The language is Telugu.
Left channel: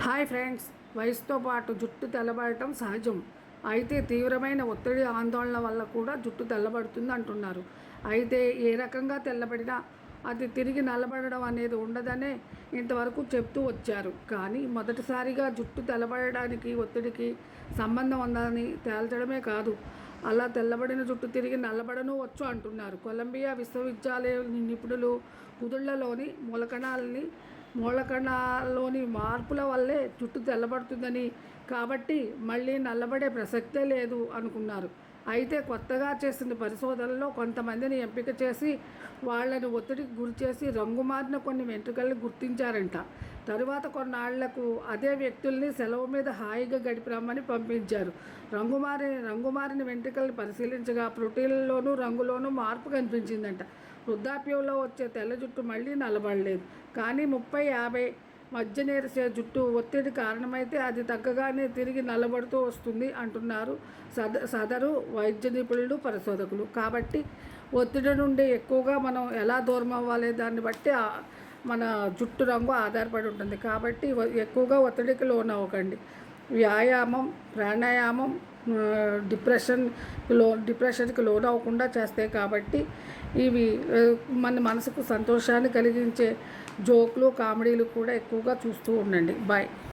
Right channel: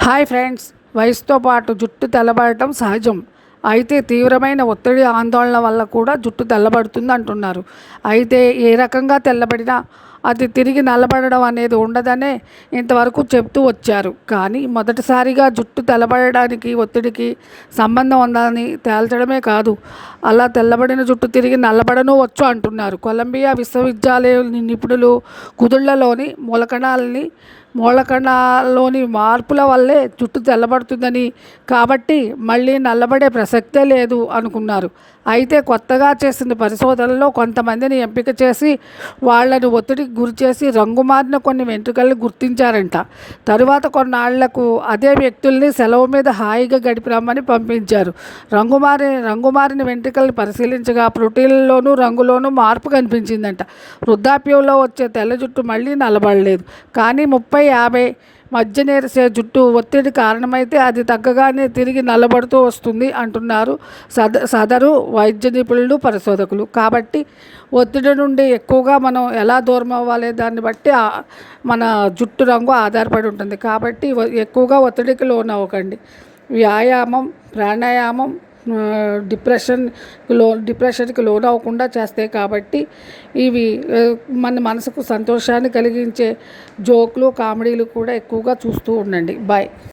హాయ్ ఫ్రెండ్స్, వయసుతో పాటు జుట్టు తెల్లబడటం సహజం. అయితే తీవ్రమైన ఒత్తిడి, ఆందోళన వల్ల కూడా జుట్టు తెల్లబడుతుంది అంటున్నారు. అయితే ఏ రకంగా తెల్లబడినా అది తిరిగి నల్లబడడం అనేది ఉండదనే ఇంతవరకు చెప్తూ వచ్చారు. కానీ మొదటిసారిగా జుట్టు తెల్లబడడానికి ఒత్తిడికి సంబంధం ఉందని తేల్చడమే కాదు, అలా తెల్లబడిన జుట్టు తిరిగి నల్లబడను వచ్చు అంటున్నారు. కొలంబియా విశ్వవిద్యాలయం నిపుణులు కుదుళ్లలోని మూలకణాల్లోని మార్పుల వల్లే జుట్టు తెల్లబడుతుందని, కాబట్టి మళ్ళీ నల్లబడే ప్రసక్తే లేదు అనుకున్నారు. అయితే కొత్తగా చేసిన పరిశోధనలో కొంతమందిని ఎంపిక చేసి వాళ్లను ఒత్తిడికి గురిచేసి రంగు మారిన కొన్ని వెంట్రుకల్ని గుర్తించారంట. తరువాత కొన్నాళ్లకు అదే వ్యక్తుల్ని సెలవు మీద హాయిగా గడిపిరమ్మని పంపించారు. రంగుమారిన వెంట్రుకల్ని పరిశీలించగా ప్రోటీన్లలోనూ రంగులోనూ మార్పు కనిపించిందంట. వృద్ధాప్యంలో వచ్చే తెల్ల జుట్టు మళ్ళీ నల్లబడలేదు. కానీ 30-50 మధ్య నేరిసే జుట్టు ఒత్తిడి కారణమైతే అది తగ్గగానే తిరిగి నల్లబడుతూ వస్తుంది అంటున్నారు సదరు వైద్య నిపుణులు, పరిశోధకులు. కాబట్టి ఒత్తిడి నుండి ఎక్కువగా మనం ఎలా దూరం అవ్వాలి దాన్ని బట్టి మన జుట్టు రంగు ఆధారపడి ఉంటుంది. కాబట్టి ఎక్కువగా ఒత్తిడికి లోనవ్వకండి. వ్యాయామం, ప్రాణాయామం డిప్రెషన్కి లోనవ్వకుండా చేస్తాయి. కాబట్టి ఇవి మన మనసుకు సంతోషాన్ని కలిగించే జోకులు, కామెడీలు కూడా ఎక్కువగా చూస్తూ ఉండండి. బాయ్.